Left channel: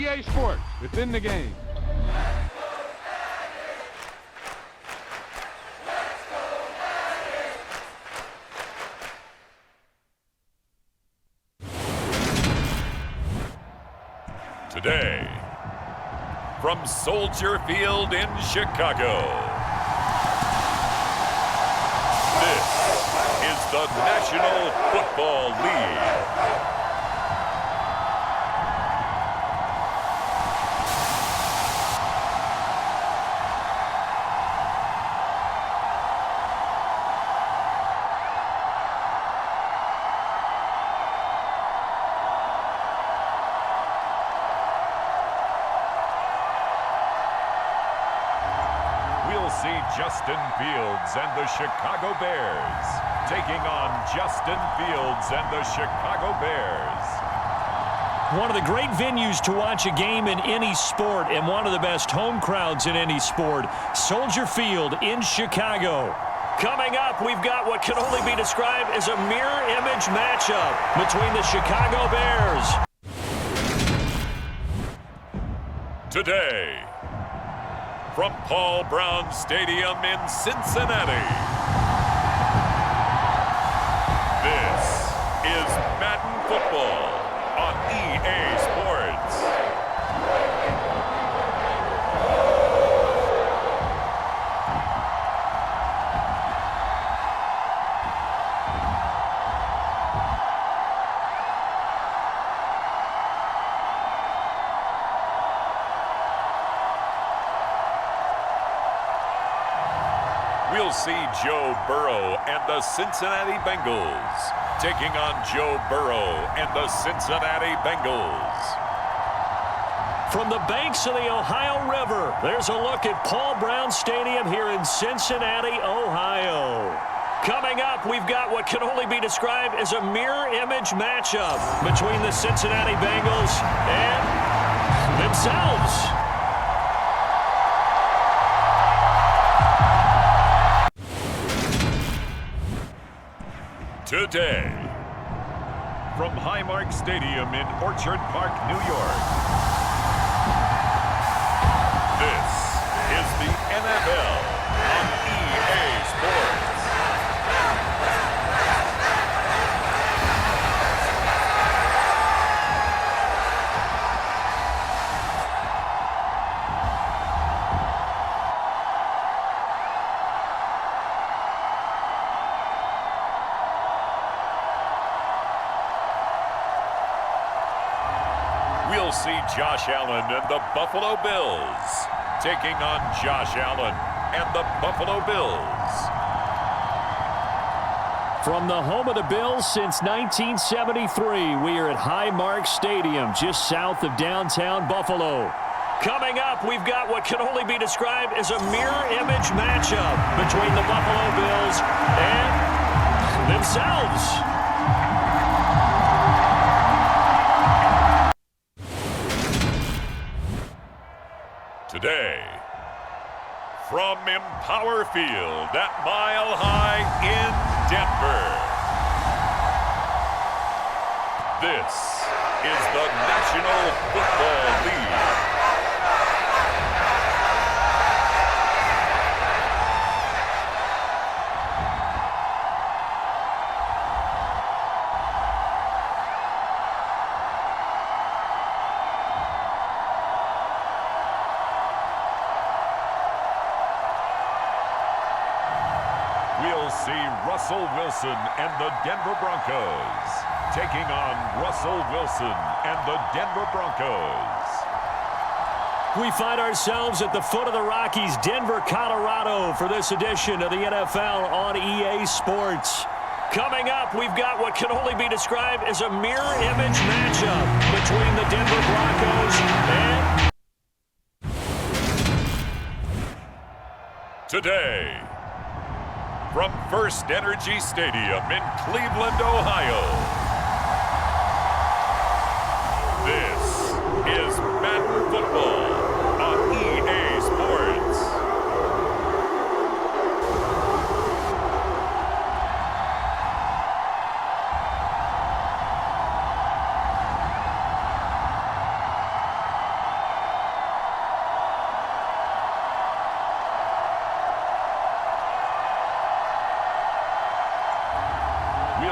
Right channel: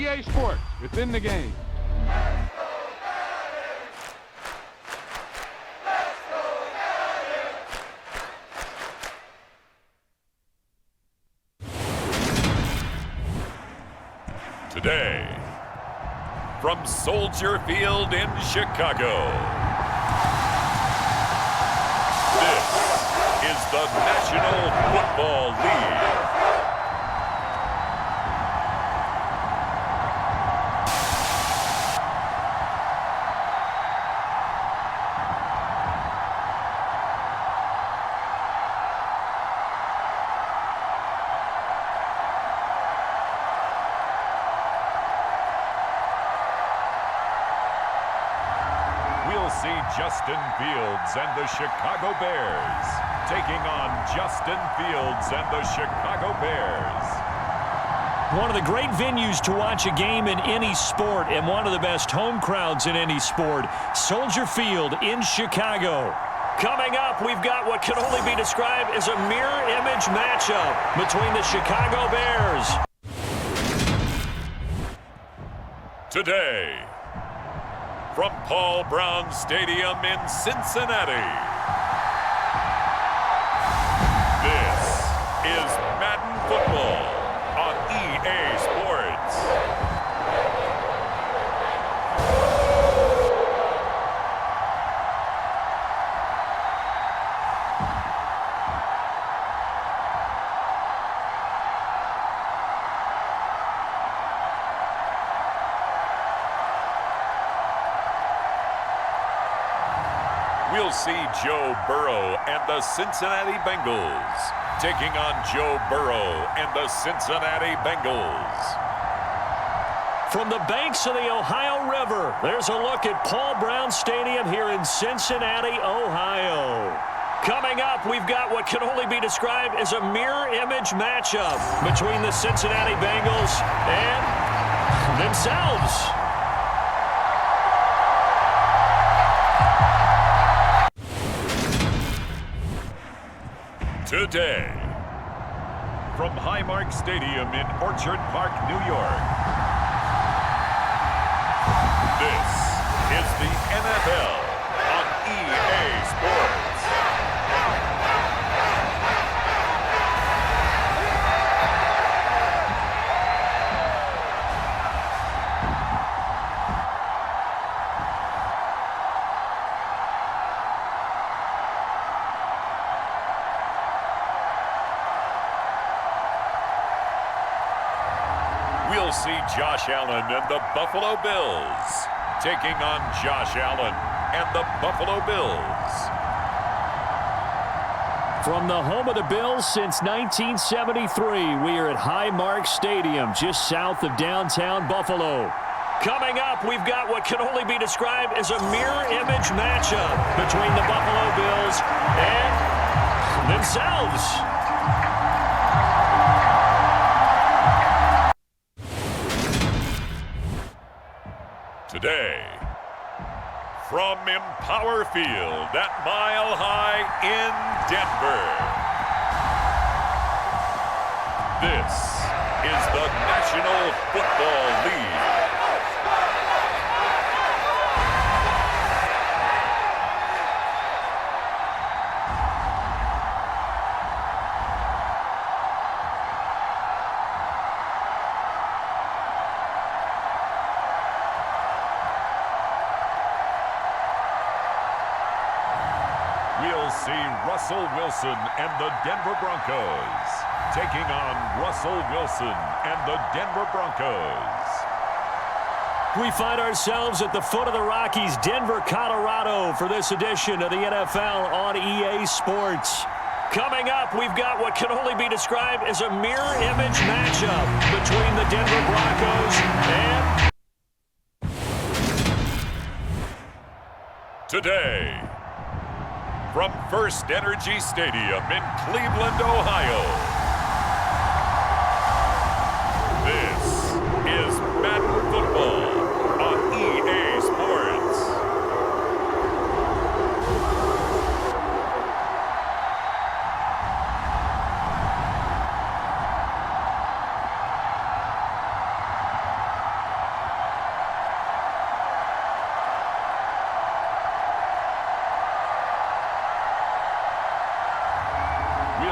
EA Sports. It's in the game. Today, from Soldier Field in Chicago, this is the National Football League. We'll see Justin Fields and the Chicago Bears taking on Justin Fields and the Chicago Bears. One of the great venues to watch a game in any sport and one of the best home crowds in any sport, Soldier Field in Chicago. Coming up, we've got what can only be described as a mirror image matchup between the Chicago Bears. Today, from Paul Brown Stadium in Cincinnati, this is Madden Football on EA Sports. We'll see Joe Burrow and the Cincinnati Bengals taking on Joe Burrow and the Cincinnati Bengals. From the banks of the Ohio River, there's a look at Paul Brown Stadium here in Cincinnati, Ohio. Coming up, we've got what can only be described as a mirror image matchup between the Cincinnati Bengals and themselves. Today, from Highmark Stadium in Orchard Park, New York, this is the NFL on EA Sports. We'll see Josh Allen and the Buffalo Bills taking on Josh Allen and the Buffalo Bills. From the home of the Bills since 1973, we are at Highmark Stadium, just south of downtown Buffalo. Coming up, we've got what can only be described as a mirror image matchup between the Buffalo Bills and themselves. Today, from Empower Field at Mile High in Denver, this is the National Football League. We'll see Russell Wilson and the Denver Broncos taking on Russell Wilson and the Denver Broncos. We find ourselves at the foot of the Rockies, Denver, Colorado, for this edition of the NFL on EA Sports. Coming up, we've got what can only be described as a mirror image matchup between the Denver Broncos and... Today, from First Energy Stadium in Cleveland, Ohio, this is Madden Football on EA Sports.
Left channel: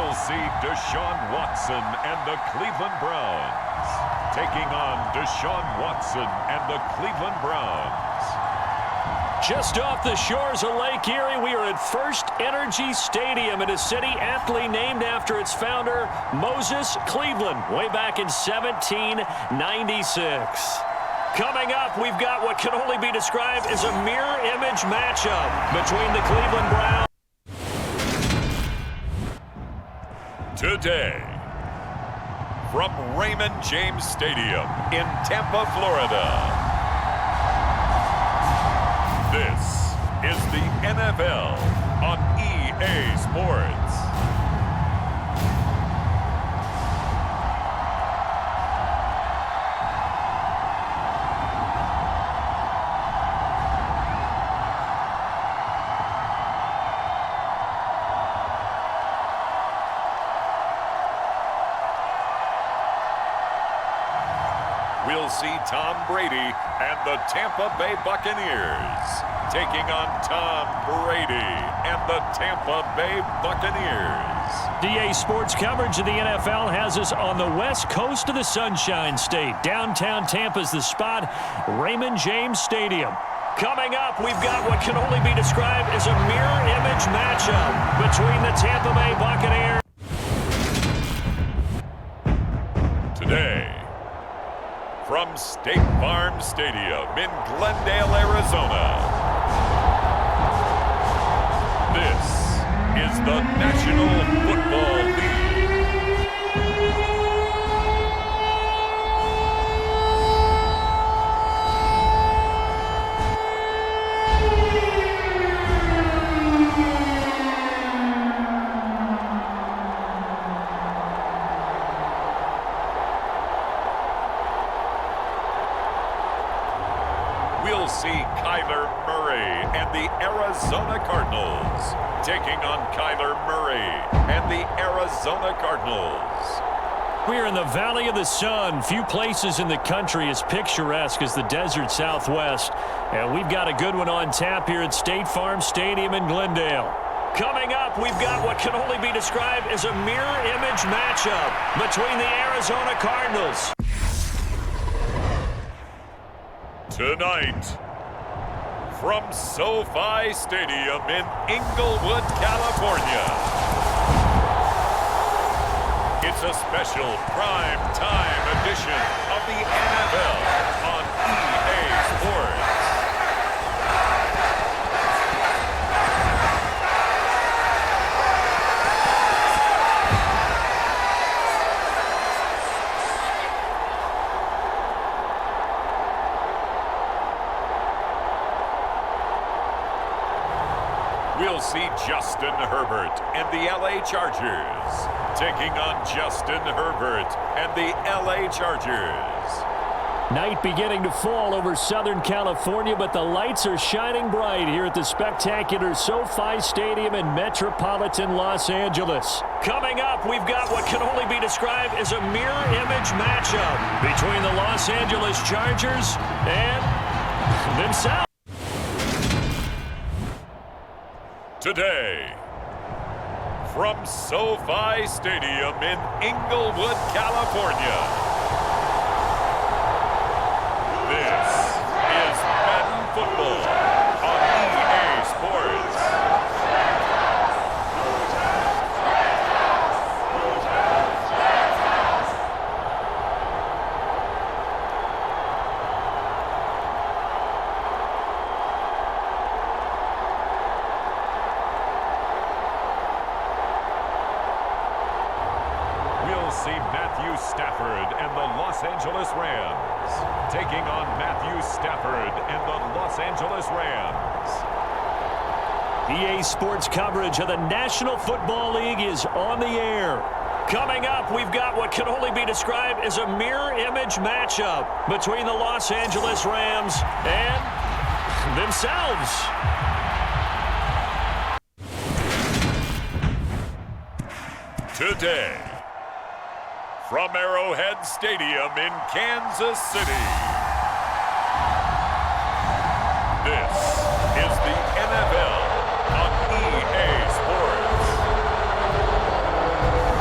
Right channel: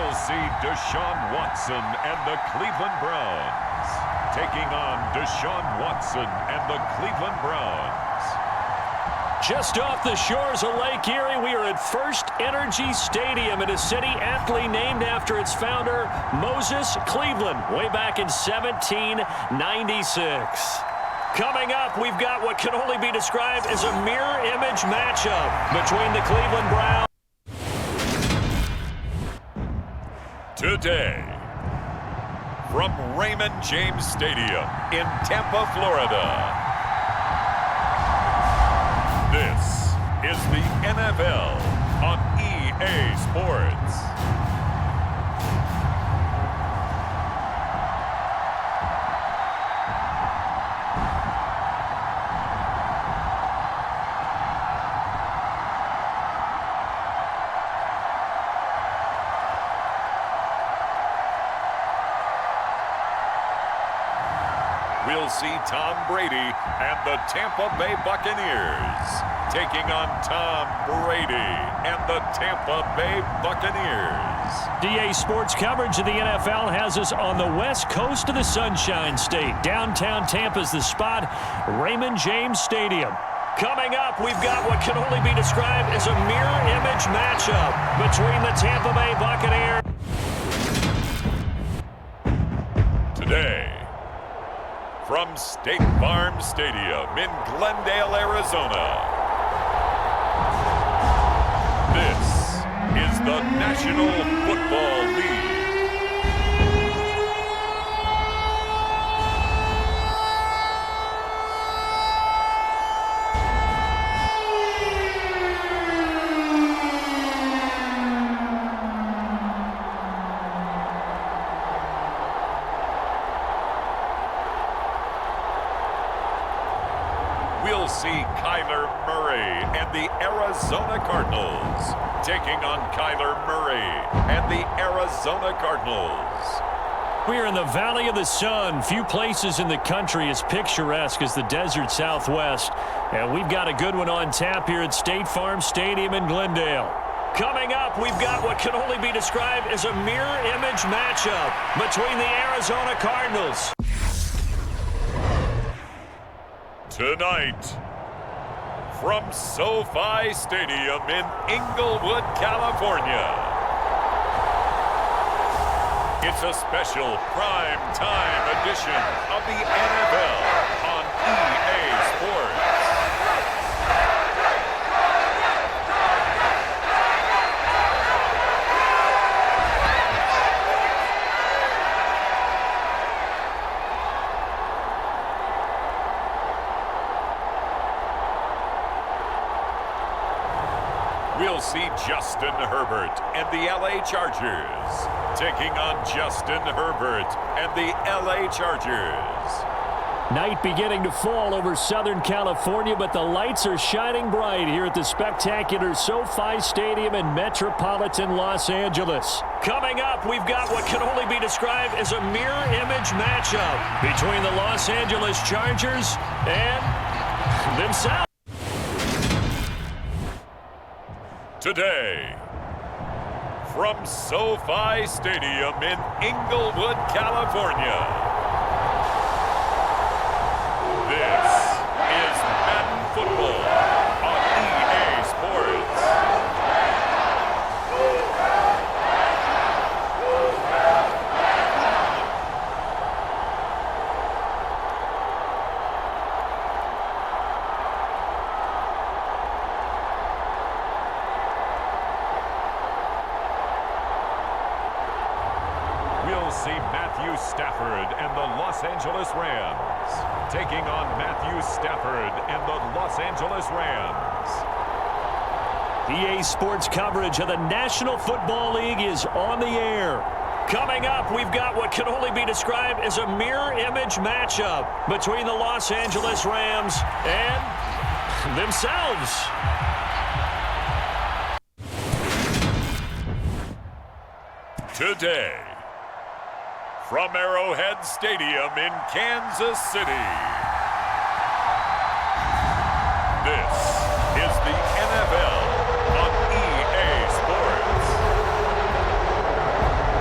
We'll see Deshaun Watson and the Cleveland Browns taking on Deshaun Watson and the Cleveland Browns. Just off the shores of Lake Erie, we are at First Energy Stadium in a city aptly named after its founder, Moses Cleveland, way back in 1796. Coming up, we've got what can only be described as a mirror image matchup between the Cleveland Browns. Today, from Raymond James Stadium in Tampa, Florida, this is the NFL on EA Sports. We'll see Tom Brady and the Tampa Bay Buccaneers taking on Tom Brady and the Tampa Bay Buccaneers. DA Sports coverage of the NFL has us on the west coast of the Sunshine State. Downtown Tampa's the spot, Raymond James Stadium. Coming up, we've got what can only be described as a mirror image matchup between the Tampa Bay Buccaneers. Today, from State Farm Stadium in Glendale, Arizona, this is the National Football League. We'll see Kyler Murray and the Arizona Cardinals taking on Kyler Murray and the Arizona Cardinals. We're in the Valley of the Sun. Few places in the country as picturesque as the desert Southwest. And we've got a good one on tap here at State Farm Stadium in Glendale. Coming up, we've got what can only be described as a mirror image matchup between the Arizona Cardinals. Tonight, from SoFi Stadium in Inglewood, California, it's a special prime time edition of the NFL on EA Sports. We'll see Justin Herbert and the LA Chargers taking on Justin Herbert and the LA Chargers. Night beginning to fall over Southern California, but the lights are shining bright here at the spectacular SoFi Stadium in metropolitan Los Angeles. Coming up, we've got what can only be described as a mirror image matchup between the Los Angeles Chargers and themselves. Today, from SoFi Stadium in Inglewood, California, this is Madden Football on EA Sports. We'll see Matthew Stafford and the Los Angeles Rams taking on Matthew Stafford and the Los Angeles Rams. EA Sports coverage of the National Football League is on the air. Coming up, we've got what can only be described as a mirror image matchup between the Los Angeles Rams and themselves. Today, from Arrowhead Stadium in Kansas City, this is the NFL on EA Sports.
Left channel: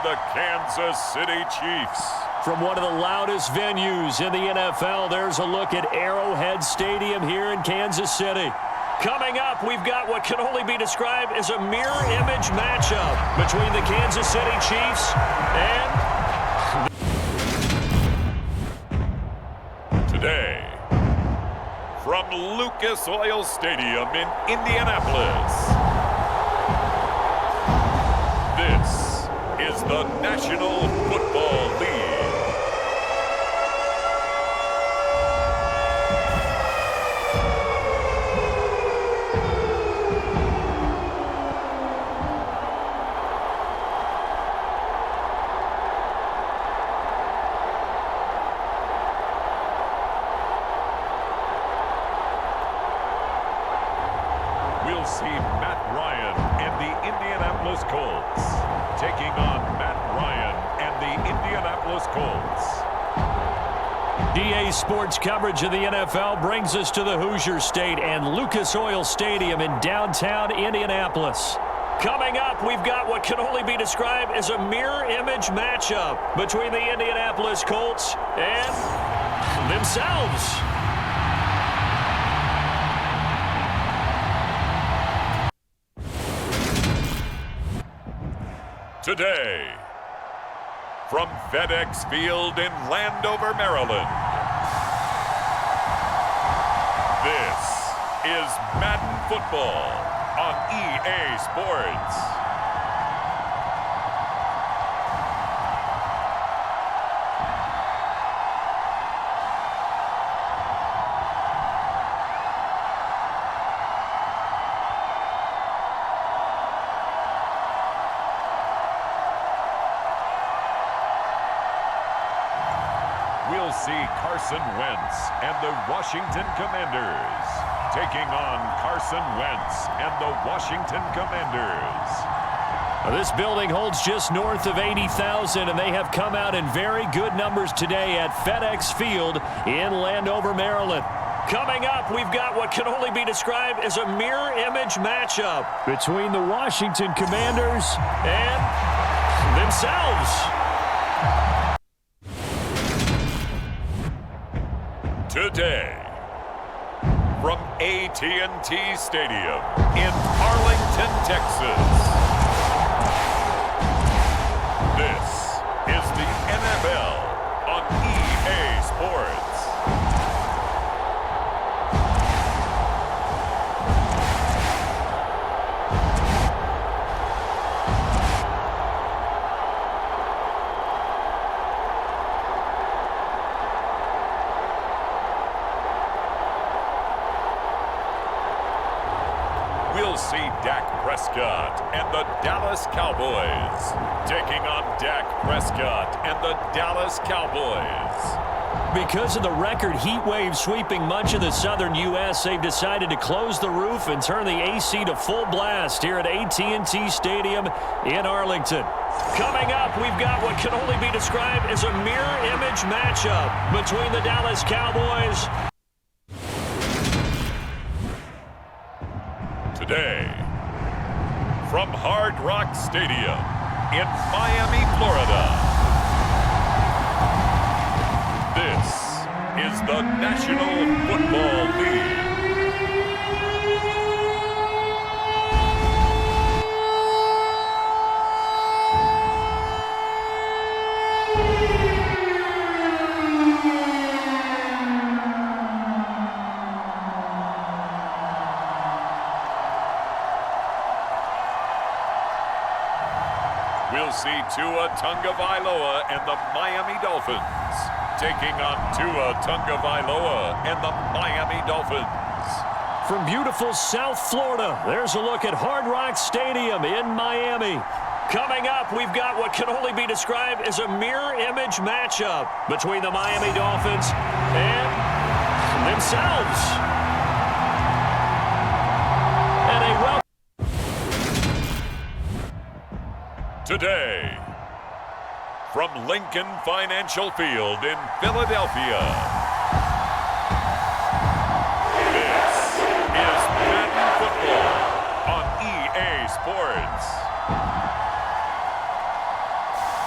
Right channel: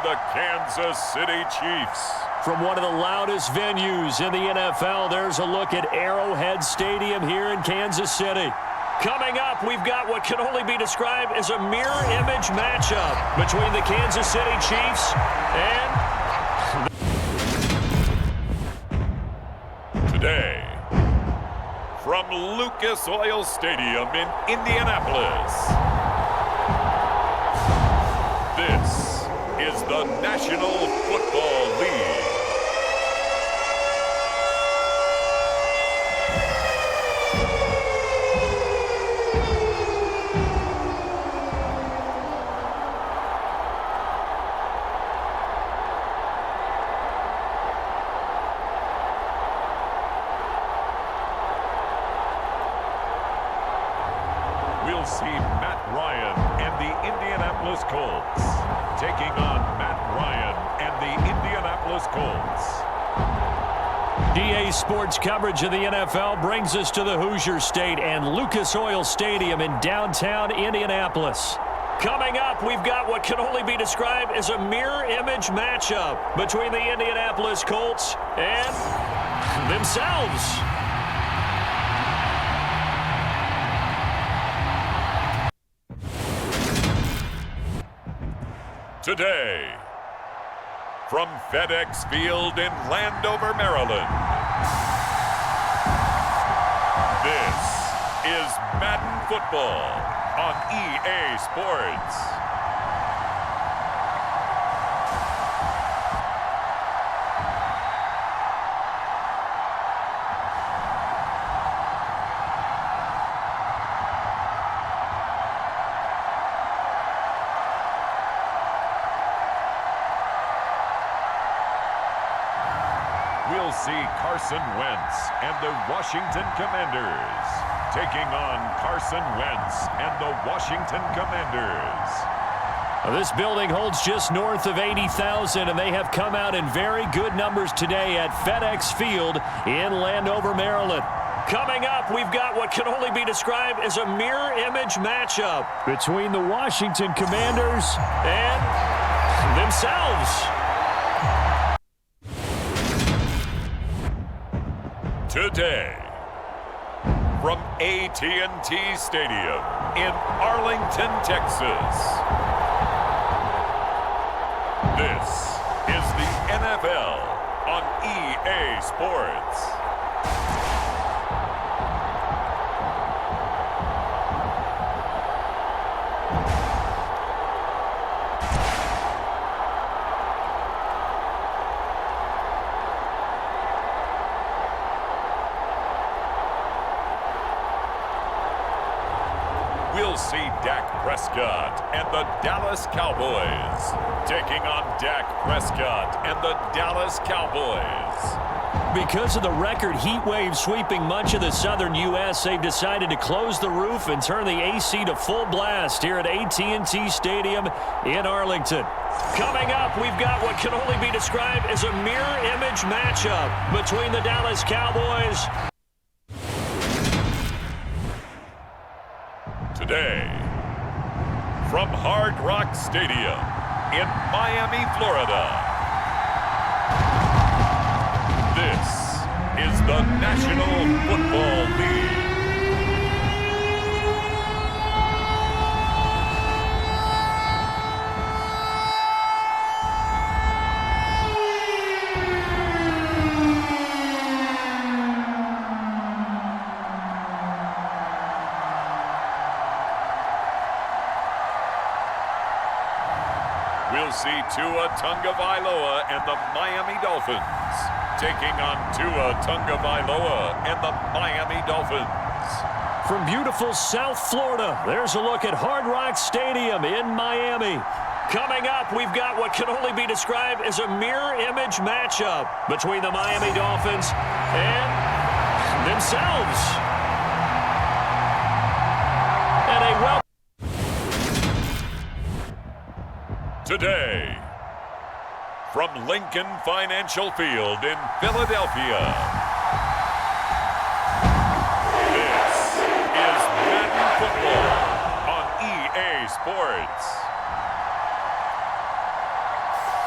the Kansas City Chiefs. From one of the loudest venues in the NFL, there's a look at Arrowhead Stadium here in Kansas City. Coming up, we've got what can only be described as a mirror image matchup between the Kansas City Chiefs and... Today, from Lucas Oil Stadium in Indianapolis, this is the National Football League. We'll see Matt Ryan and the Indianapolis Colts taking on Matt Ryan and the Indianapolis Colts. DA Sports coverage of the NFL brings us to the Hoosier State and Lucas Oil Stadium in downtown Indianapolis. Coming up, we've got what can only be described as a mirror image matchup between the Indianapolis Colts and themselves. Today, from FedEx Field in Landover, Maryland, this is Madden Football on EA Sports. We'll see Carson Wentz and the Washington Commanders taking on Carson Wentz and the Washington Commanders. This building holds just north of 80,000, and they have come out in very good numbers today at FedEx Field in Landover, Maryland. Coming up, we've got what can only be described as a mirror image matchup between the Washington Commanders and themselves. Today, from AT&T Stadium in Arlington, Texas, this is the NFL on EA Sports. We'll see Dak Prescott and the Dallas Cowboys taking on Dak Prescott and the Dallas Cowboys. Because of the record heat wave sweeping much of the southern U.S., they've decided to close the roof and turn the AC to full blast here at AT&T Stadium in Arlington. Coming up, we've got what can only be described as a mirror image matchup between the Dallas Cowboys. Today, from Hard Rock Stadium in Miami, Florida, this is the National Football League. We'll see Tua Tagovailoa and the Miami Dolphins taking on Tua Tagovailoa and the Miami Dolphins. From beautiful South Florida, there's a look at Hard Rock Stadium in Miami. Coming up, we've got what can only be described as a mirror image matchup between the Miami Dolphins and themselves. And a welcome. Today, from Lincoln Financial Field in Philadelphia, this is Madden Football on EA Sports.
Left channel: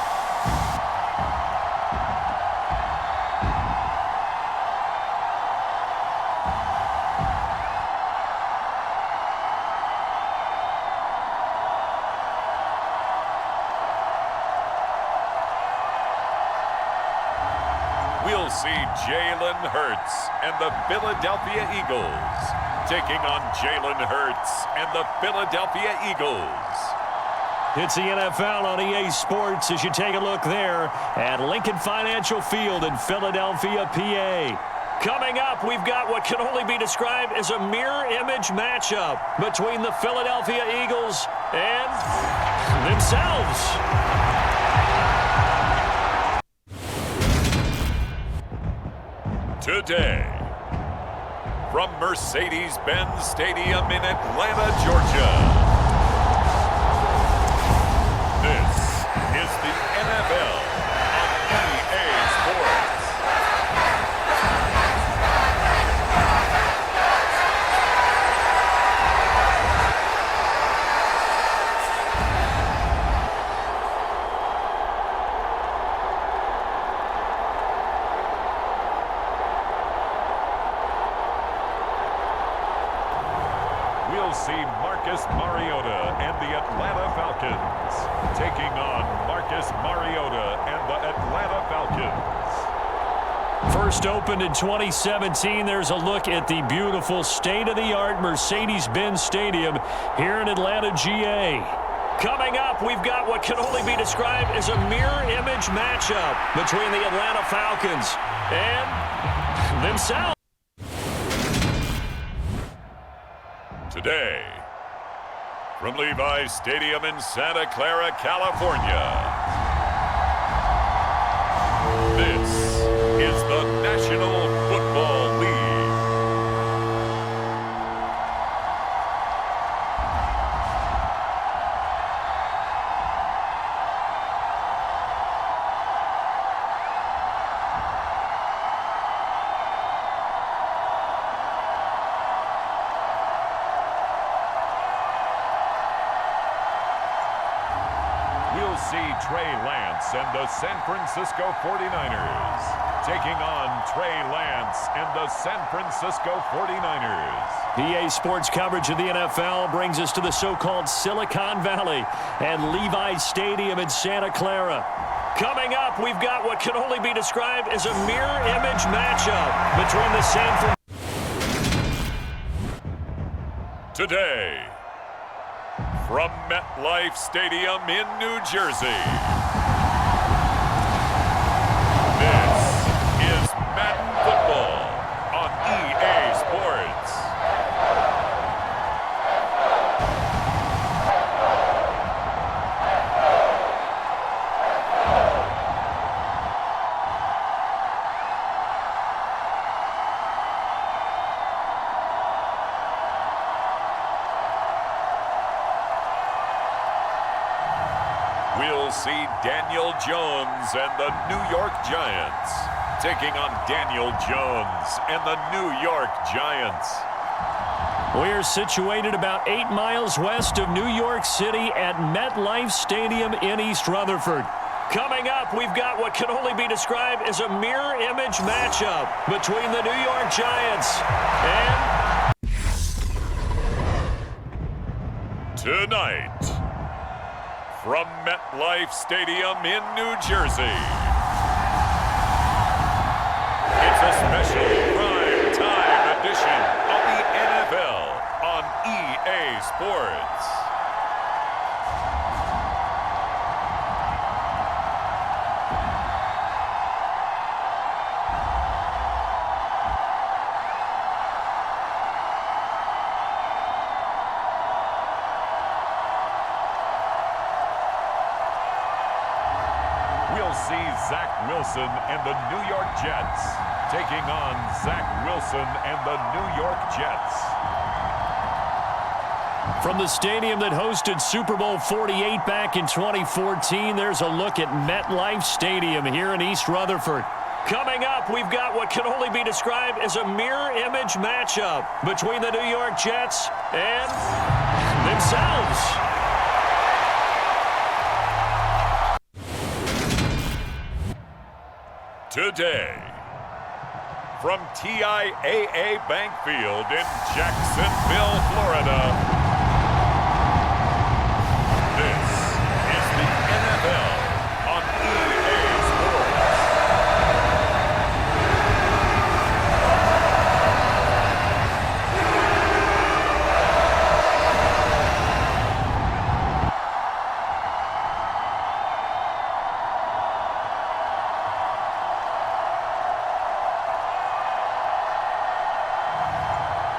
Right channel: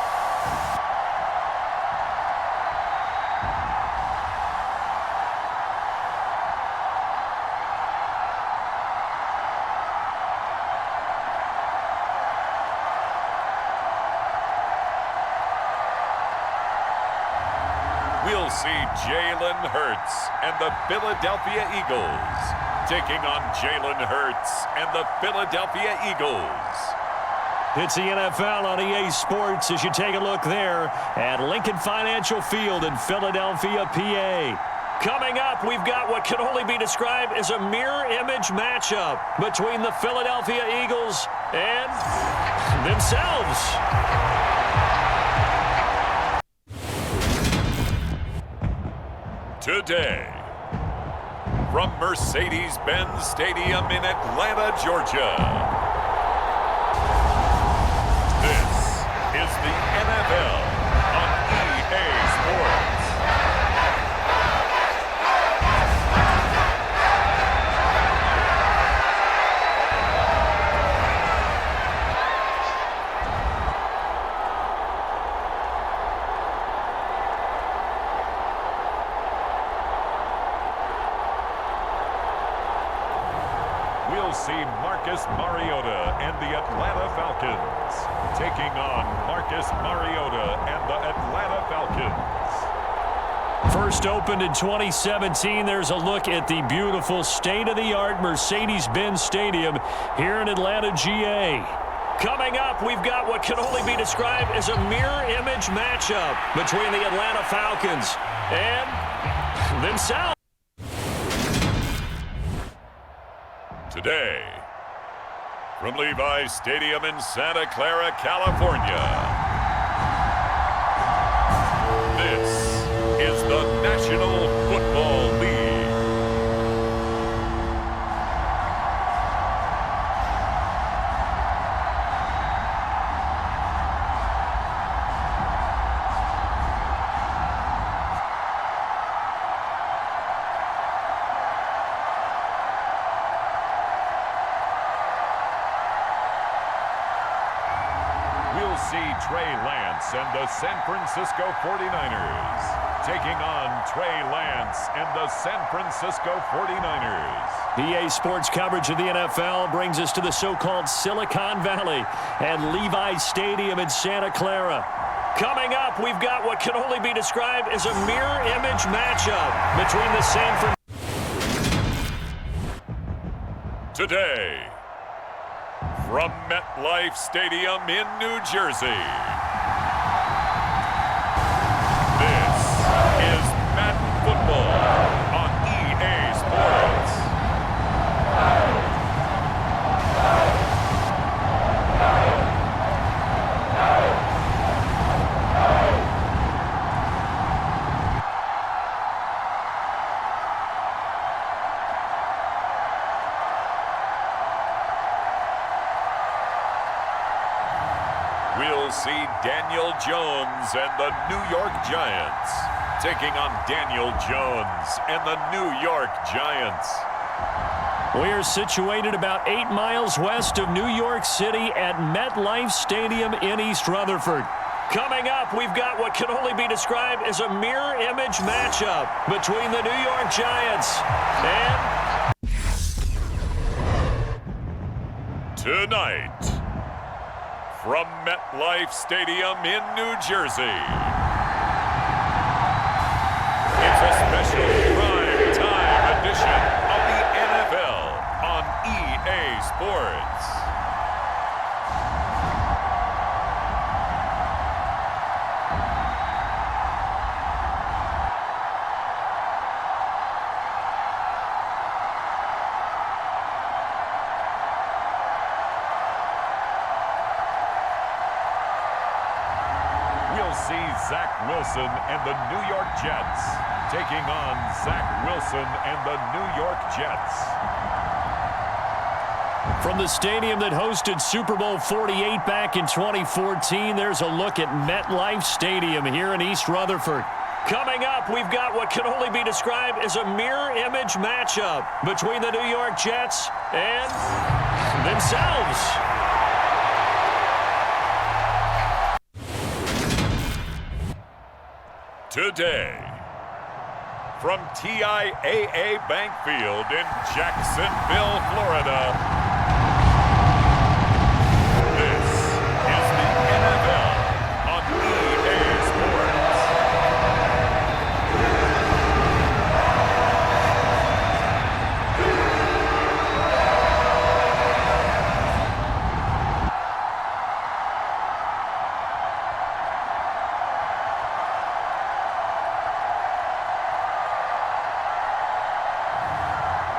We'll see Jalen Hurts and the Philadelphia Eagles taking on Jalen Hurts and the Philadelphia Eagles. It's the NFL on EA Sports as you take a look there at Lincoln Financial Field in Philadelphia, PA. Coming up, we've got what can only be described as a mirror image matchup between the Philadelphia Eagles and themselves. Today, from Mercedes-Benz Stadium in Atlanta, Georgia, this is the NFL on EA Sports. We'll see Marcus Mariota and the Atlanta Falcons taking on Marcus Mariota and the Atlanta Falcons. First opened in 2017, there's a look at the beautiful state-of-the-art Mercedes-Benz Stadium here in Atlanta, GA. Coming up, we've got what can only be described as a mirror image matchup between the Atlanta Falcons and themselves. Today, from Levi's Stadium in Santa Clara, California, this is the National Football League. We'll see Trey Lance and the San Francisco 49ers taking on Trey Lance and the San Francisco 49ers. EA Sports coverage of the NFL brings us to the so-called Silicon Valley and Levi's Stadium in Santa Clara. Coming up, we've got what can only be described as a mirror image matchup between the San Francisco. Today, from MetLife Stadium in New Jersey, this is Madden Football on EA Sports. We'll see Daniel Jones and the New York Giants taking on Daniel Jones and the New York Giants. We are situated about 8 miles west of New York City at MetLife Stadium in East Rutherford. Coming up, we've got what can only be described as a mirror image matchup between the New York Giants and tonight, from MetLife Stadium in New Jersey, it's a special prime time edition of the NFL on EA Sports. We'll see Zach Wilson and the New York Jets taking on Zach Wilson and the New York Jets. from the stadium that hosted Super Bowl 48 back in 2014, there's a look at MetLife Stadium here in East Rutherford. Coming up, we've got what can only be described as a mirror image matchup between the New York Jets and themselves. Today, from TIAA Bank Field in Jacksonville, Florida, this is the NFL on EA Sports.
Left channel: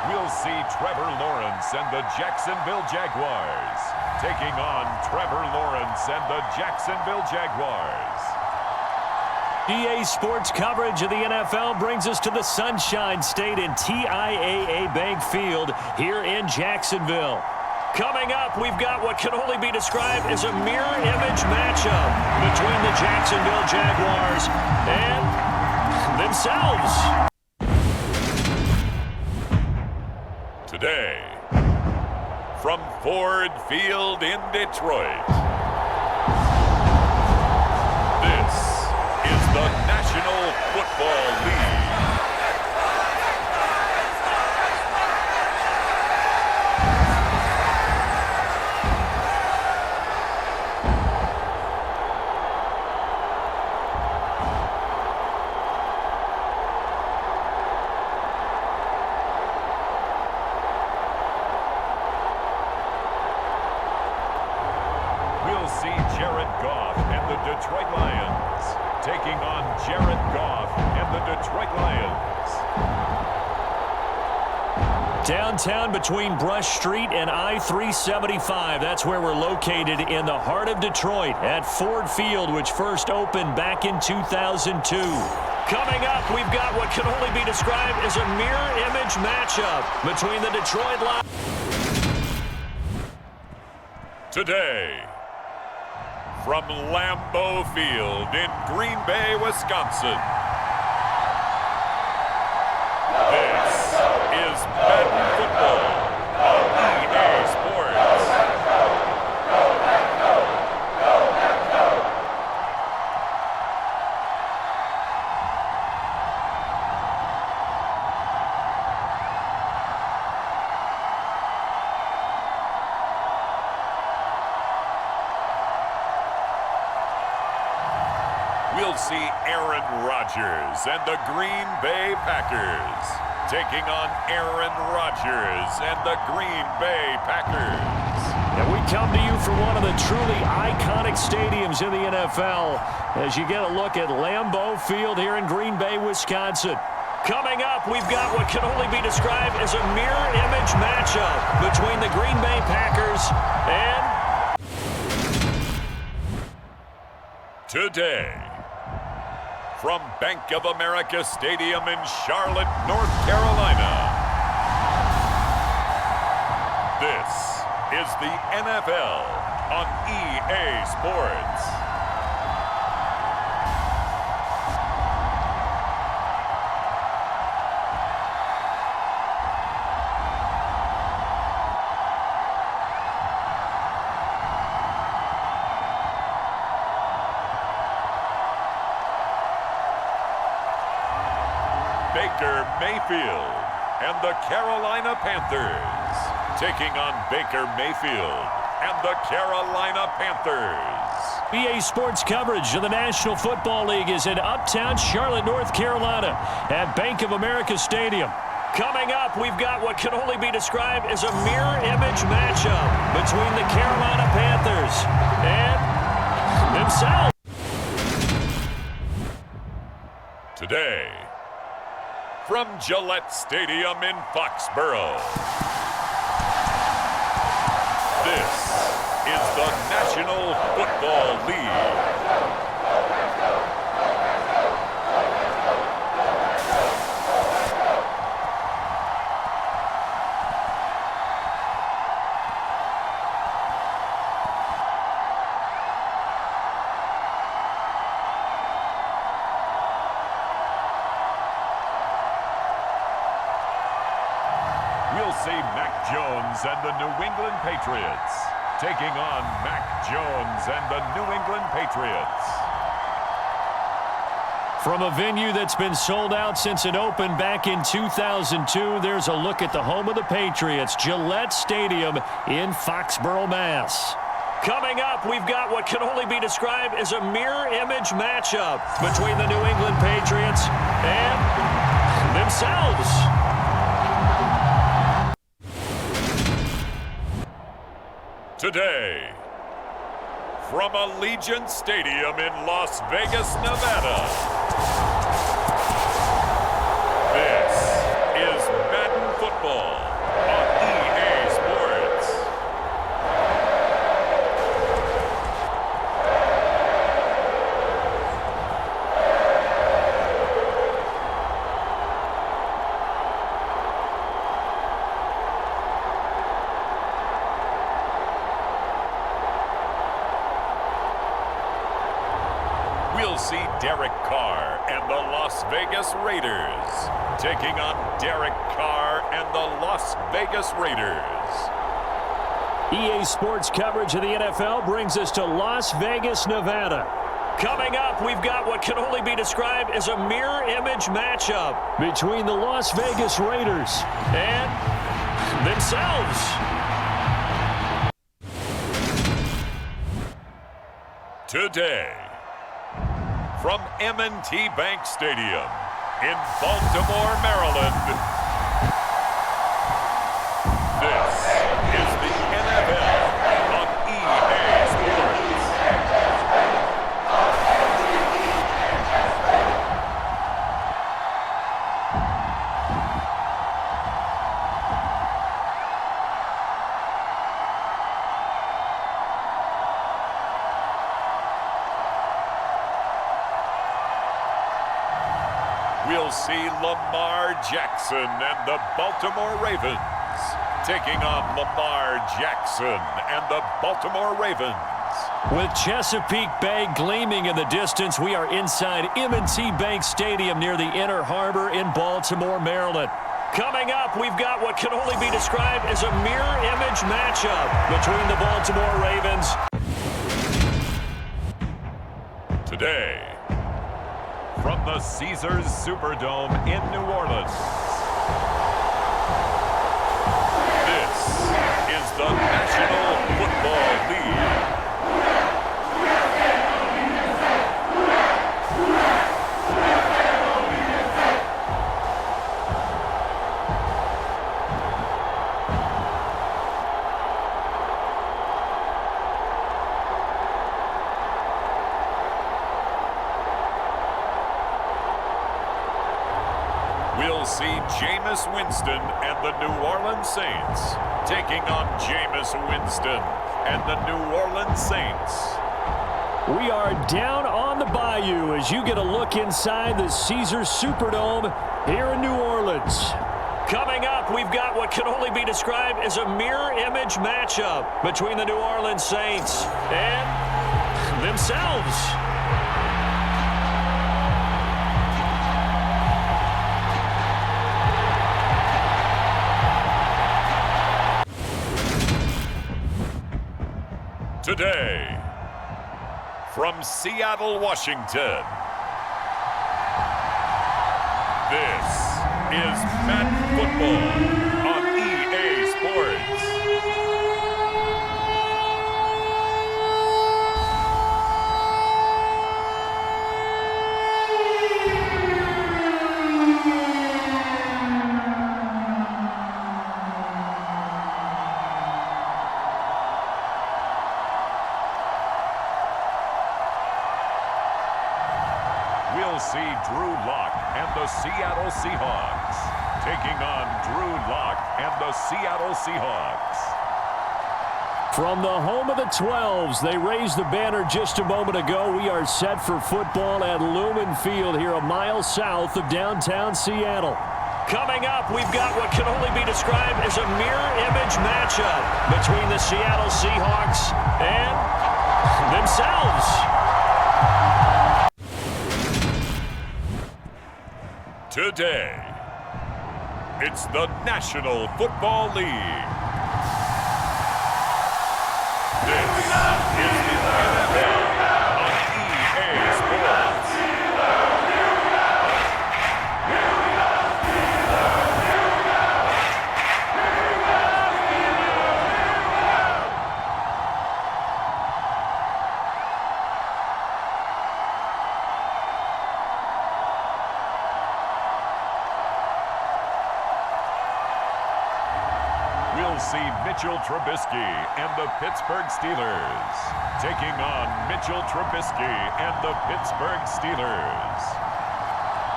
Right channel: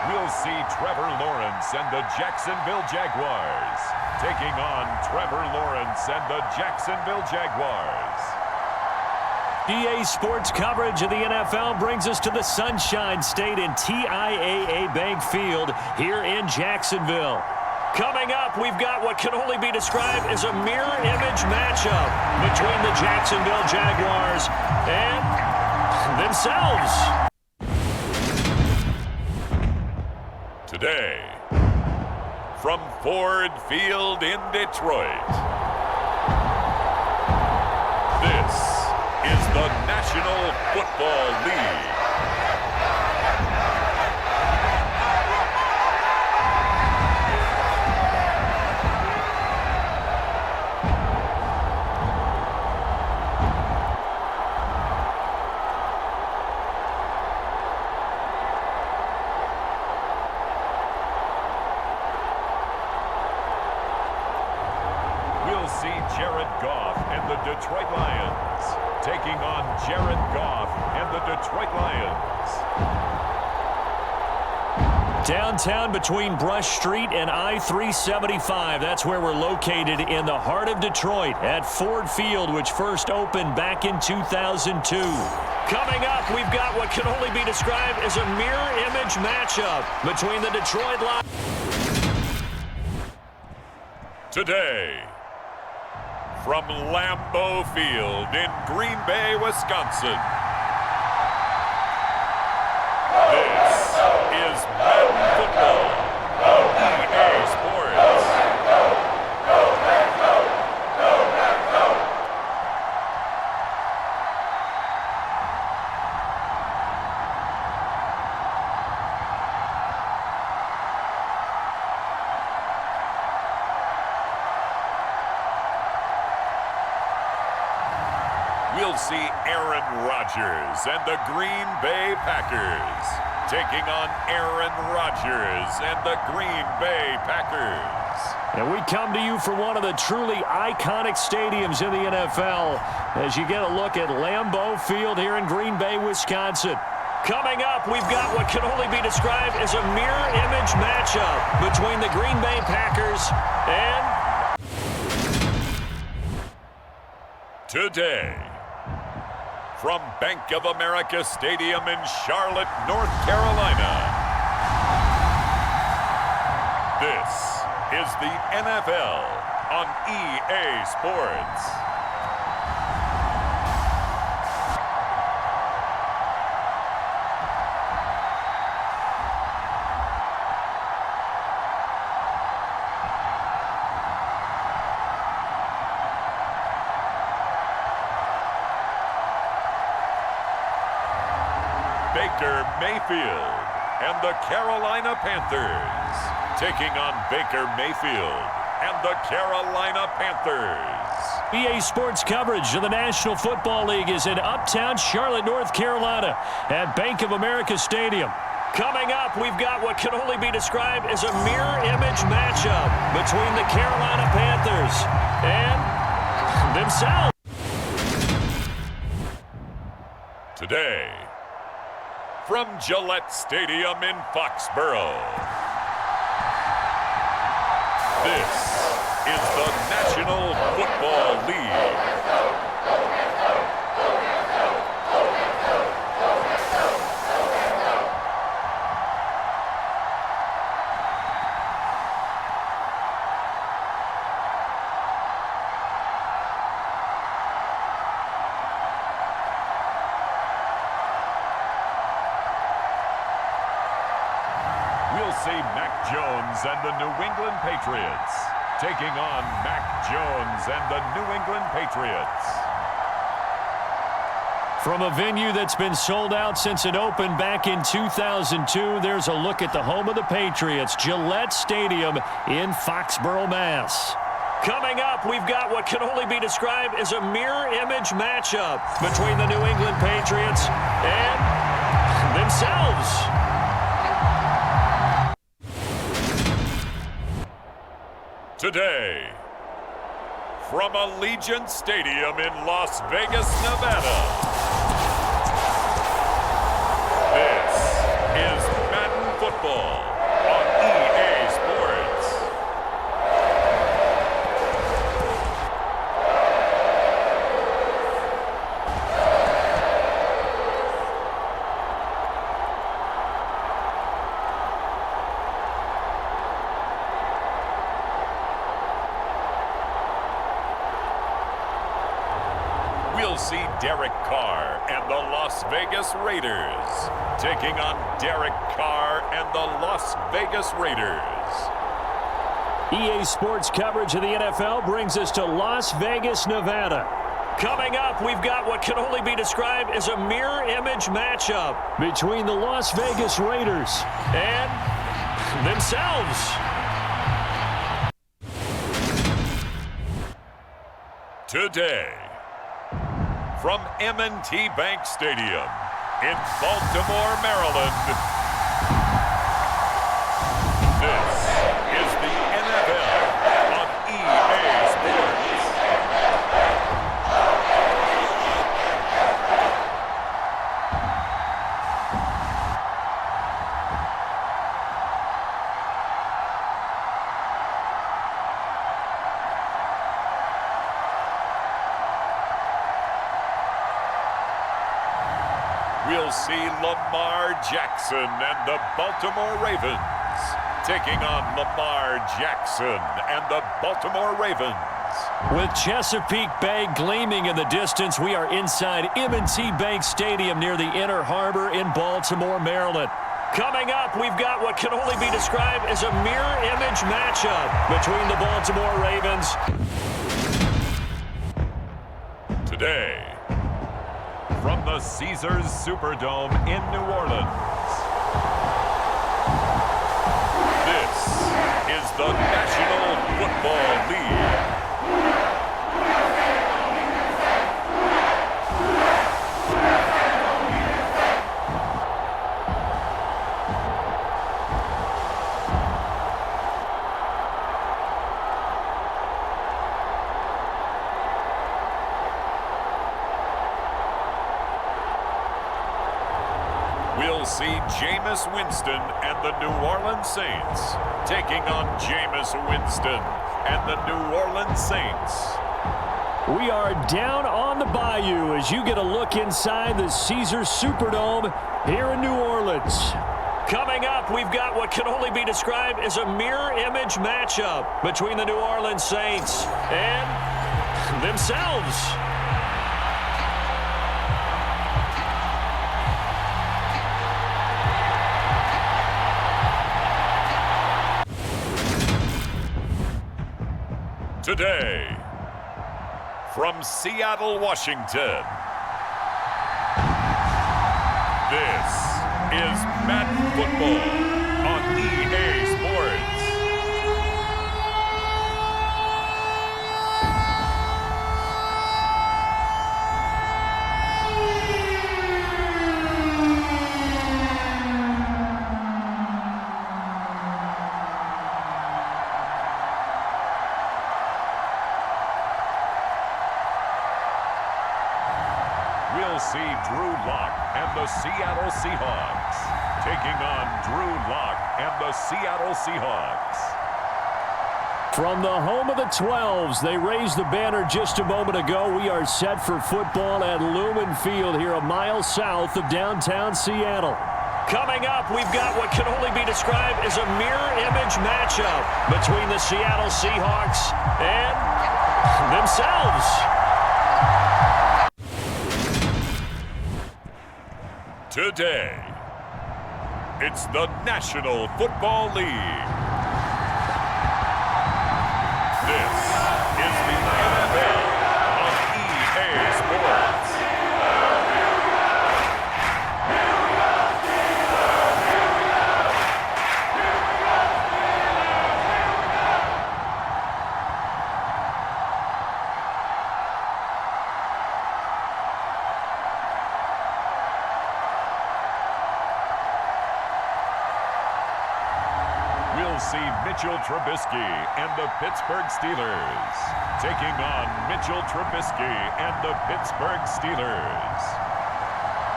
We'll see Trevor Lawrence and the Jacksonville Jaguars taking on Trevor Lawrence and the Jacksonville Jaguars. EA Sports coverage of the NFL brings us to the Sunshine State in TIAA Bank Field here in Jacksonville. Coming up, we've got what can only be described as a mirror image matchup between the Jacksonville Jaguars and themselves. Today, from Ford Field in Detroit, this is the National Football League. We'll see Jared Goff and the Detroit Lions taking on Jared Goff and the Detroit Lions. Downtown between Brush Street and I-375. That's where we're located in the heart of Detroit at Ford Field, which first opened back in 2002. Coming up, we've got what can only be described as a mirror image matchup between the Detroit Lions. Today, from Lambeau Field in Green Bay, Wisconsin, this is Madden Football on EA Sports. We'll see Aaron Rodgers and the Green Bay Packers taking on Aaron Rodgers and the Green Bay Packers. And we come to you from one of the truly iconic stadiums in the NFL as you get a look at Lambeau Field here in Green Bay, Wisconsin. Coming up, we've got what can only be described as a mirror image matchup between the Green Bay Packers and... Today, from Bank of America Stadium in Charlotte, North Carolina, this is the NFL on EA Sports. Baker Mayfield and the Carolina Panthers taking on Baker Mayfield and the Carolina Panthers. EA Sports coverage of the National Football League is in uptown Charlotte, North Carolina at Bank of America Stadium. Coming up, we've got what can only be described as a mirror image matchup between the Carolina Panthers and themselves. Today, from Gillette Stadium in Foxborough, this is the National Football League. We'll see Mac Jones and the New England Patriots taking on Mac Jones and the New England Patriots. From a venue that's been sold out since it opened back in 2002, there's a look at the home of the Patriots, Gillette Stadium in Foxborough, Mass. Coming up, we've got what can only be described as a mirror image matchup between the New England Patriots and themselves. Today, from Allegiant Stadium in Las Vegas, Nevada, this is Madden Football Football on EA Sports. We'll see Derek Carr and the Las Vegas Raiders taking on Derek Carr and the Las Vegas Raiders. EA Sports coverage of the NFL brings us to Las Vegas, Nevada. Coming up, we've got what can only be described as a mirror image matchup between the Las Vegas Raiders and themselves. Today, from M&T Bank Stadium in Baltimore, Maryland, this is the NFL on EA Sports. We'll see Lamar Jackson and the Baltimore Ravens taking on Lamar Jackson and the Baltimore Ravens. With Chesapeake Bay gleaming in the distance, we are inside M&T Bank Stadium near the Inner Harbor in Baltimore, Maryland. Coming up, we've got what can only be described as a mirror image matchup between the Baltimore Ravens. Today, from the Caesars Superdome in New Orleans, this is the National Football League. We'll see Jameis Winston and the New Orleans Saints taking on Jameis Winston and the New Orleans Saints. We are down on the bayou as you get a look inside the Caesars Superdome here in New Orleans. Coming up, we've got what can only be described as a mirror image matchup between the New Orleans Saints and themselves. Today, from Seattle, Washington, this is Madden Football on EA Sports. We'll see Drew Lock and the Seattle Seahawks taking on Drew Lock and the Seattle Seahawks. From the home of the 12s, they raised the banner just a moment ago. We are set for football at Lumen Field here a mile south of downtown Seattle. Coming up, we've got what can only be described as a mirror image matchup between the Seattle Seahawks and themselves. Today, it's the National Football League. This is the NFL on EA Sports. We'll see Mitchell Trubisky and the Pittsburgh Steelers taking on Mitchell Trubisky and the Pittsburgh Steelers.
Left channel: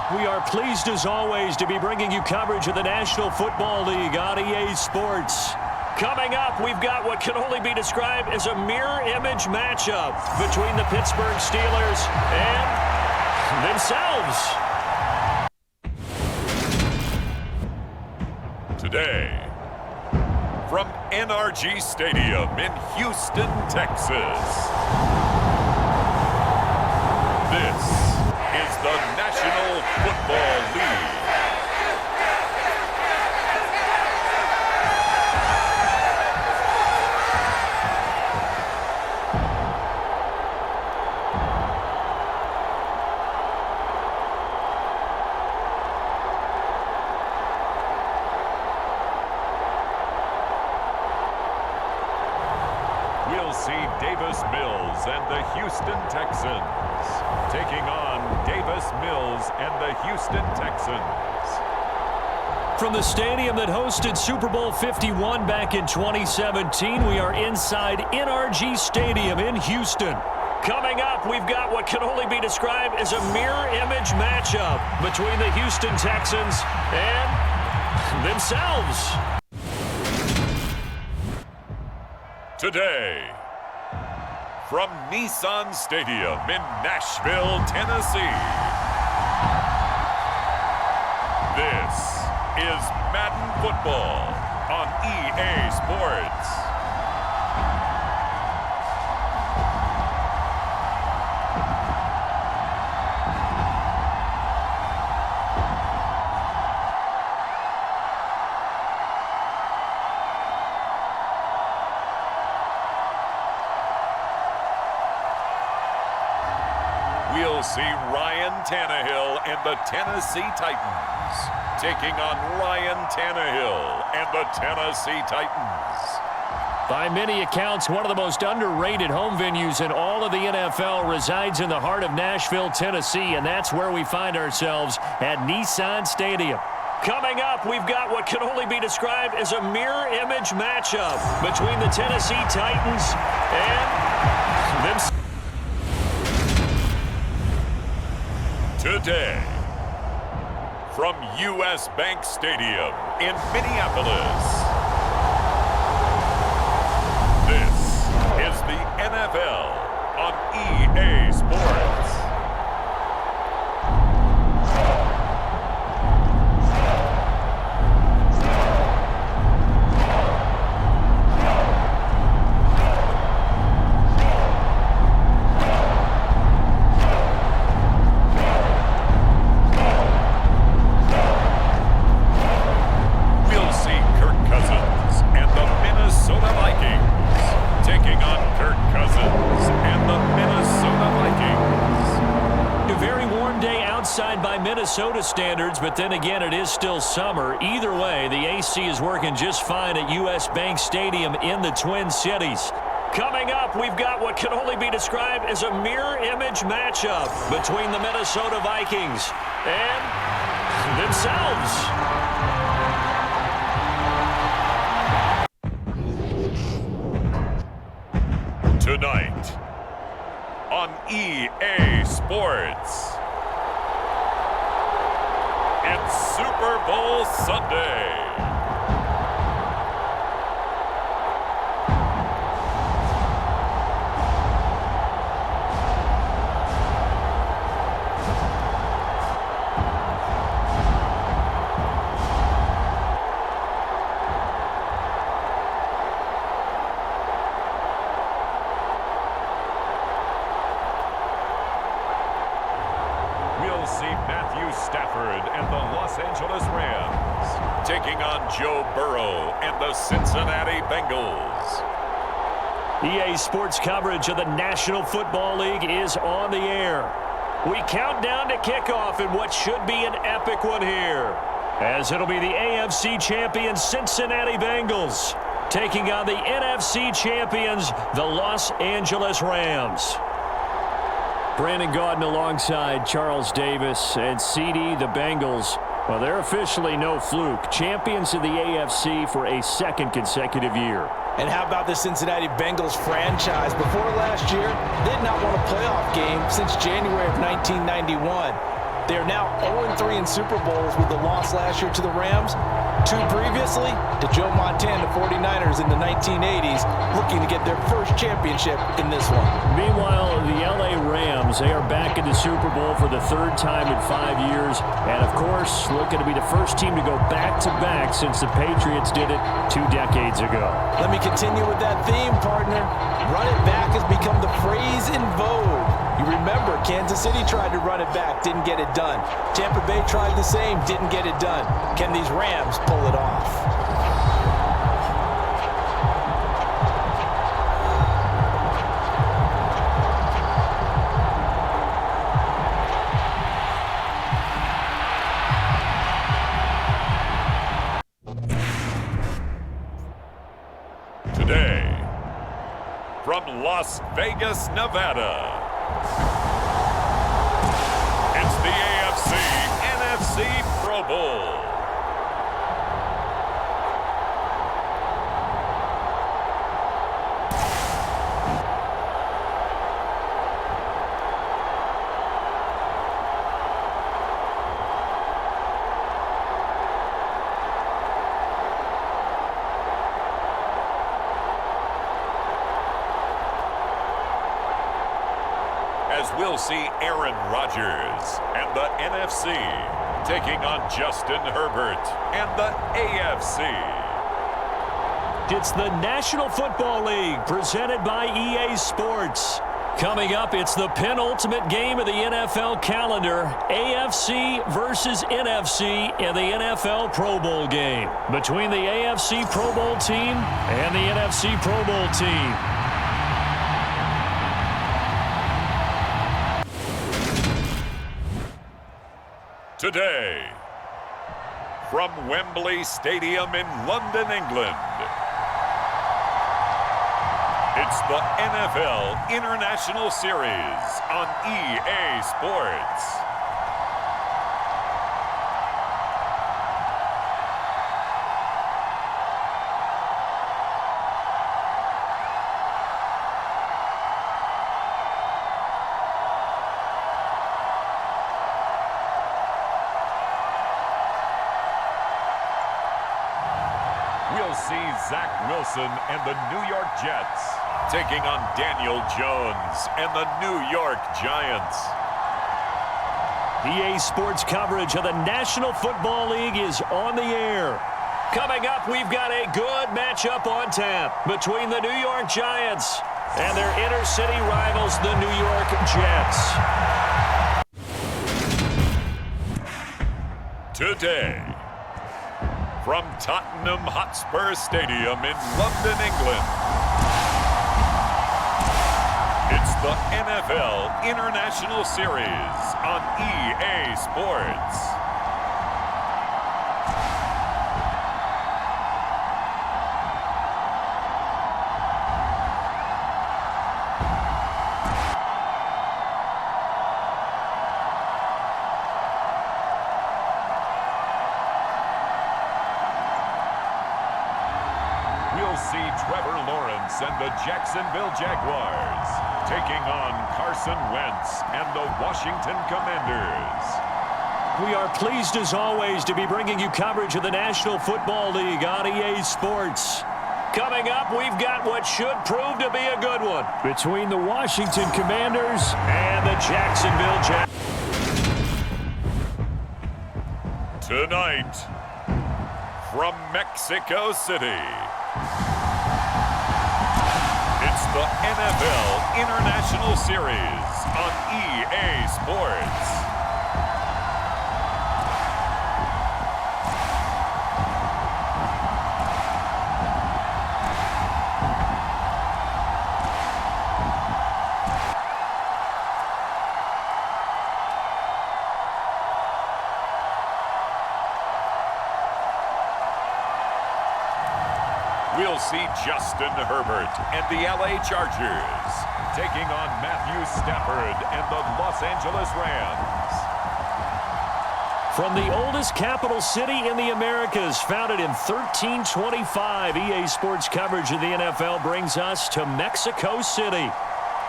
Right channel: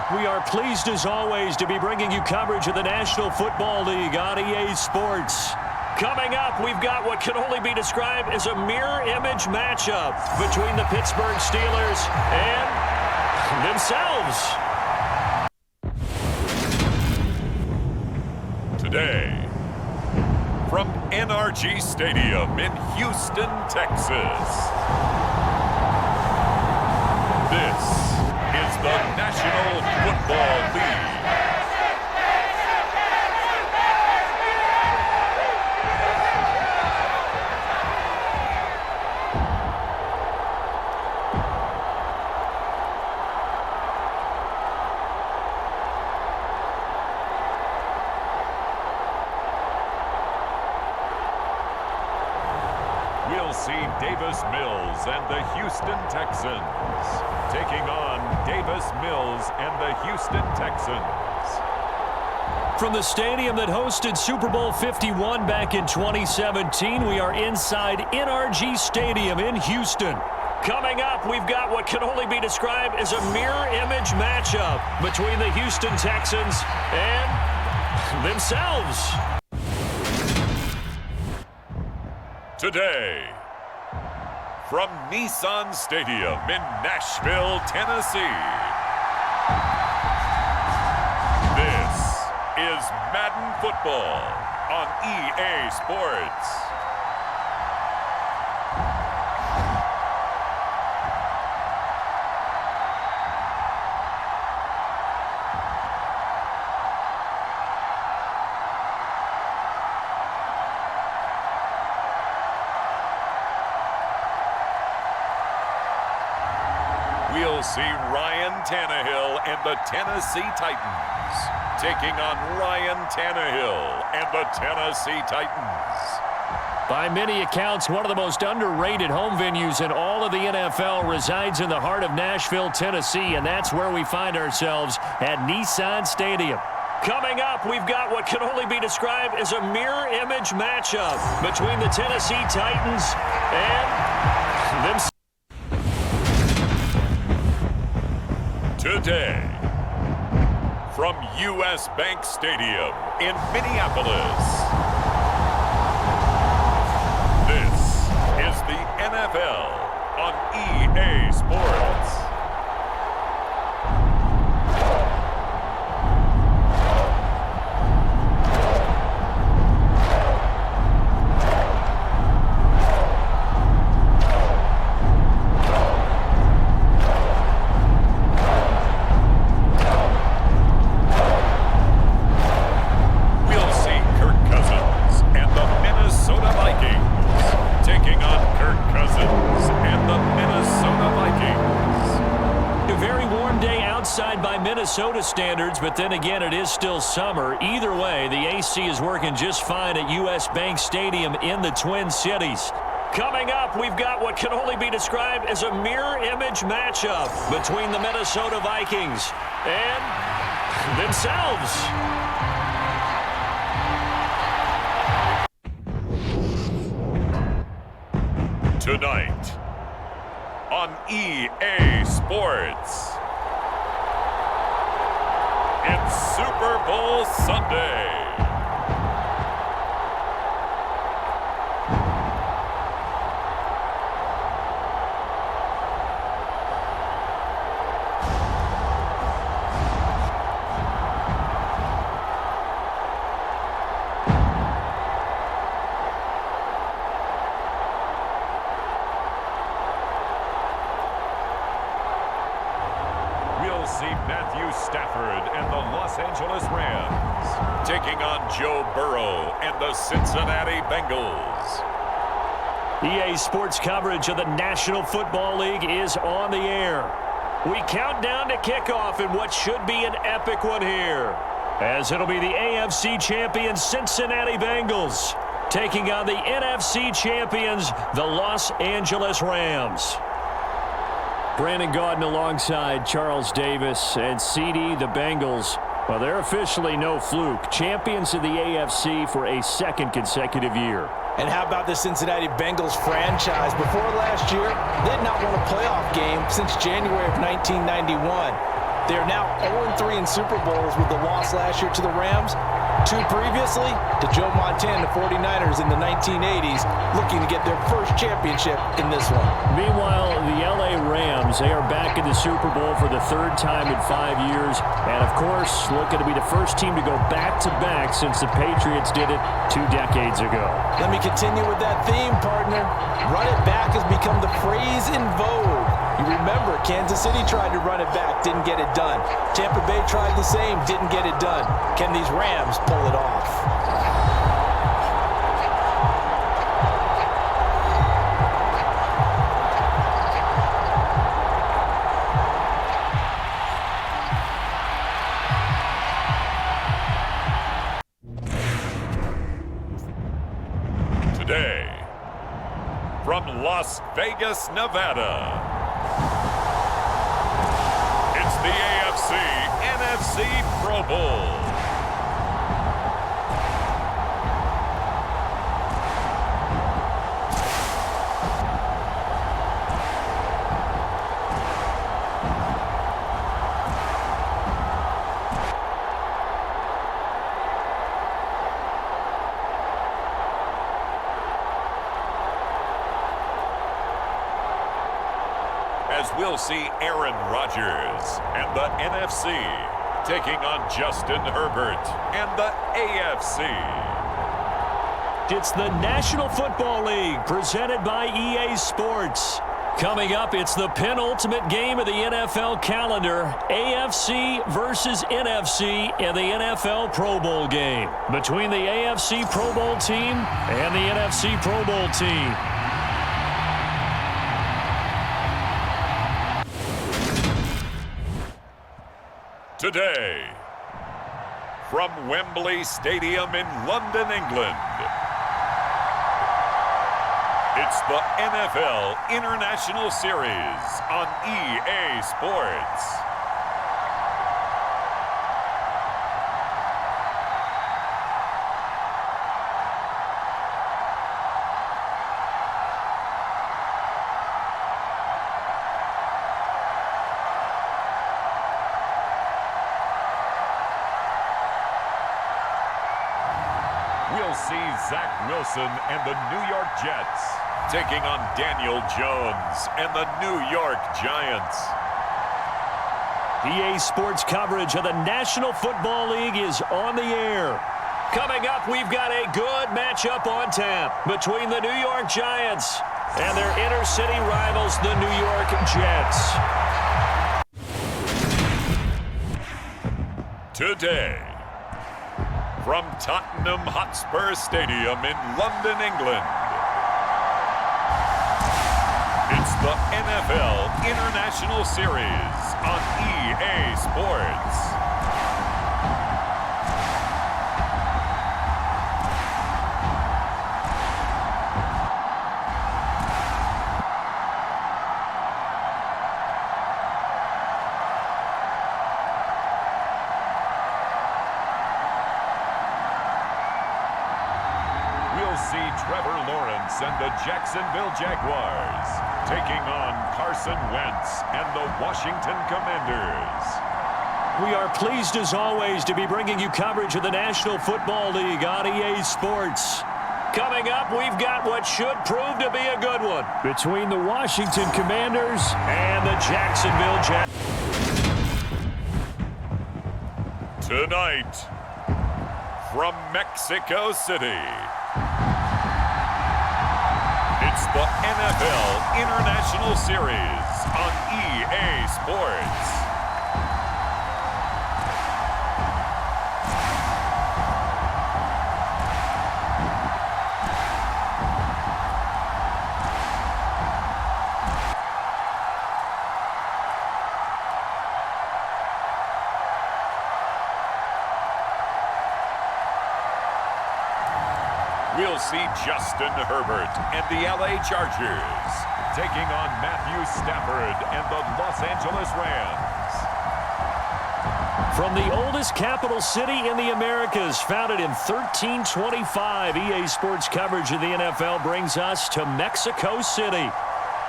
We are pleased as always to be bringing you coverage of the National Football League on EA Sports. Coming up, we've got what can only be described as a mirror image matchup between the Pittsburgh Steelers and themselves. Today, from NRG Stadium in Houston, Texas, this is the National Football League. We'll see Davis Mills and the Houston Texans taking on Davis Mills and the Houston Texans. From the stadium that hosted Super Bowl 51 back in 2017, we are inside NRG Stadium in Houston. Coming up, we've got what can only be described as a mirror image matchup between the Houston Texans and themselves. Today, from Nissan Stadium in Nashville, Tennessee, this is Madden Football on EA Sports. We'll see Ryan Tannehill and the Tennessee Titans taking on Ryan Tannehill and the Tennessee Titans. By many accounts, one of the most underrated home venues in all of the NFL resides in the heart of Nashville, Tennessee, and that's where we find ourselves at Nissan Stadium. Coming up, we've got what can only be described as a mirror image matchup between the Tennessee Titans and themselves. Today, from U.S. Bank Stadium in Minneapolis, this is the NFL on EA Sports. By Minnesota standards, but then again, it is still summer. Either way, the AC is working just fine at U.S. Bank Stadium in the Twin Cities. Coming up, we've got what can only be described as a mirror image matchup between the Minnesota Vikings and themselves. Tonight on EA Sports, it's Super Bowl Sunday. Stafford and the Los Angeles Rams taking on Joe Burrow and the Cincinnati Bengals. EA Sports coverage of the National Football League is on the air. We count down to kickoff in what should be an epic one here, as it'll be the AFC champion Cincinnati Bengals taking on the NFC champions, the Los Angeles Rams. Brandon Gaudin alongside Charles Davis and CD, the Bengals. Well, they're officially no fluke. Champions of the AFC for a second consecutive year. And how about the Cincinnati Bengals franchise? Before last year, they had not won a playoff game since January of 1991. They are now 0-3 in Super Bowls with the loss last year to the Rams. 2 previously to Joe Montana 49ers in the 1980s, looking to get their first championship in this one. Meanwhile, the LA Rams, they are back in the Super Bowl for the 3rd time in 5 years. And, of course, looking to be the first team to go back-to-back since the Patriots did it 2 decades ago. Let me continue with that theme, partner. Run it back has become the phrase in vogue. You remember, Kansas City tried to run it back, didn't get it done. Tampa Bay tried the same, didn't get it done. Can these Rams pull it off? Today, from Las Vegas, Nevada, it's the AFC-NFC Pro Bowl. As we'll see Aaron Rodgers and the NFC taking on Justin Herbert and the AFC. It's the National Football League presented by EA Sports. Coming up, it's the penultimate game of the NFL calendar, AFC versus NFC in the NFL Pro Bowl game between the AFC Pro Bowl team and the NFC Pro Bowl team. Today, from Wembley Stadium in London, England, it's the NFL International Series on EA Sports. We'll see Zach Wilson and the New York Jets taking on Daniel Jones and the New York Giants. EA Sports coverage of the National Football League is on the air. Coming up, we've got a good matchup on tap between the New York Giants and their inner-city rivals, the New York Jets. Today, from Tottenham Hotspur Stadium in London, England, it's the NFL International Series on EA Sports. We'll see Trevor Lawrence and the Jacksonville Jaguars taking on Carson Wentz and the Washington Commanders. We are pleased, as always, to be bringing you coverage of the National Football League on EA Sports. Coming up, we've got what should prove to be a good one between the Washington Commanders and the Jacksonville Jaguars. Tonight, from Mexico City, it's the NFL International Series on EA Sports. We'll see Justin Herbert and the LA Chargers taking on Matthew Stafford and the Los Angeles Rams. From the oldest capital city in the Americas, founded in 1325, EA Sports coverage of the NFL brings us to Mexico City.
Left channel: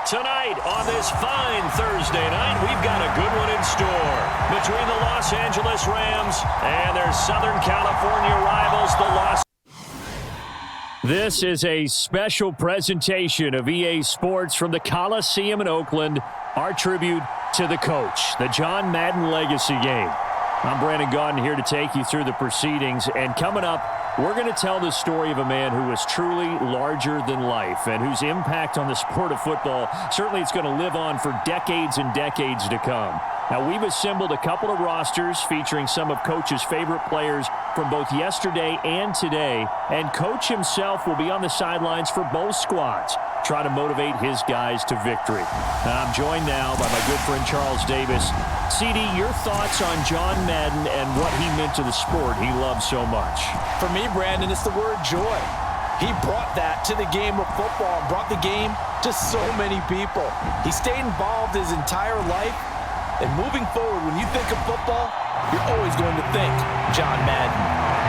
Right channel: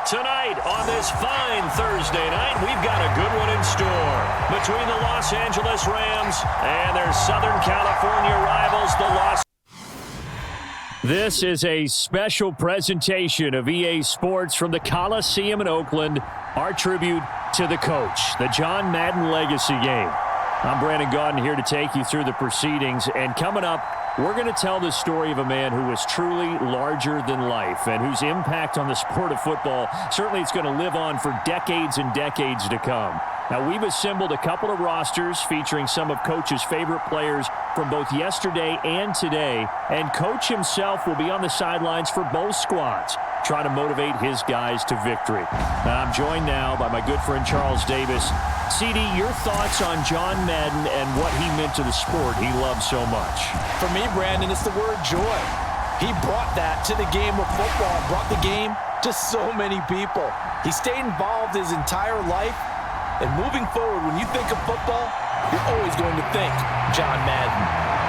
Tonight on this fine Thursday night, we've got a good one in store. Between the Los Angeles Rams and their Southern California rivals, the Los... This is a special presentation of EA Sports from the Coliseum in Oakland, our tribute to the coach, the John Madden Legacy Game. I'm Brandon Gaudin here to take you through the proceedings, and coming up, we're going to tell the story of a man who was truly larger than life and whose impact on the sport of football, certainly it's going to live on for decades and decades to come. Now, we've assembled a couple of rosters featuring some of Coach's favorite players from both yesterday and today, and Coach himself will be on the sidelines for both squads, trying to motivate his guys to victory. And I'm joined now by my good friend Charles Davis. CD, your thoughts on John Madden and what he meant to the sport he loves so much? For me, Brandon, it's the word joy. He brought that to the game of football, brought the game to so many people. He stayed involved his entire life. And moving forward, when you think of football, you're always going to think John Madden.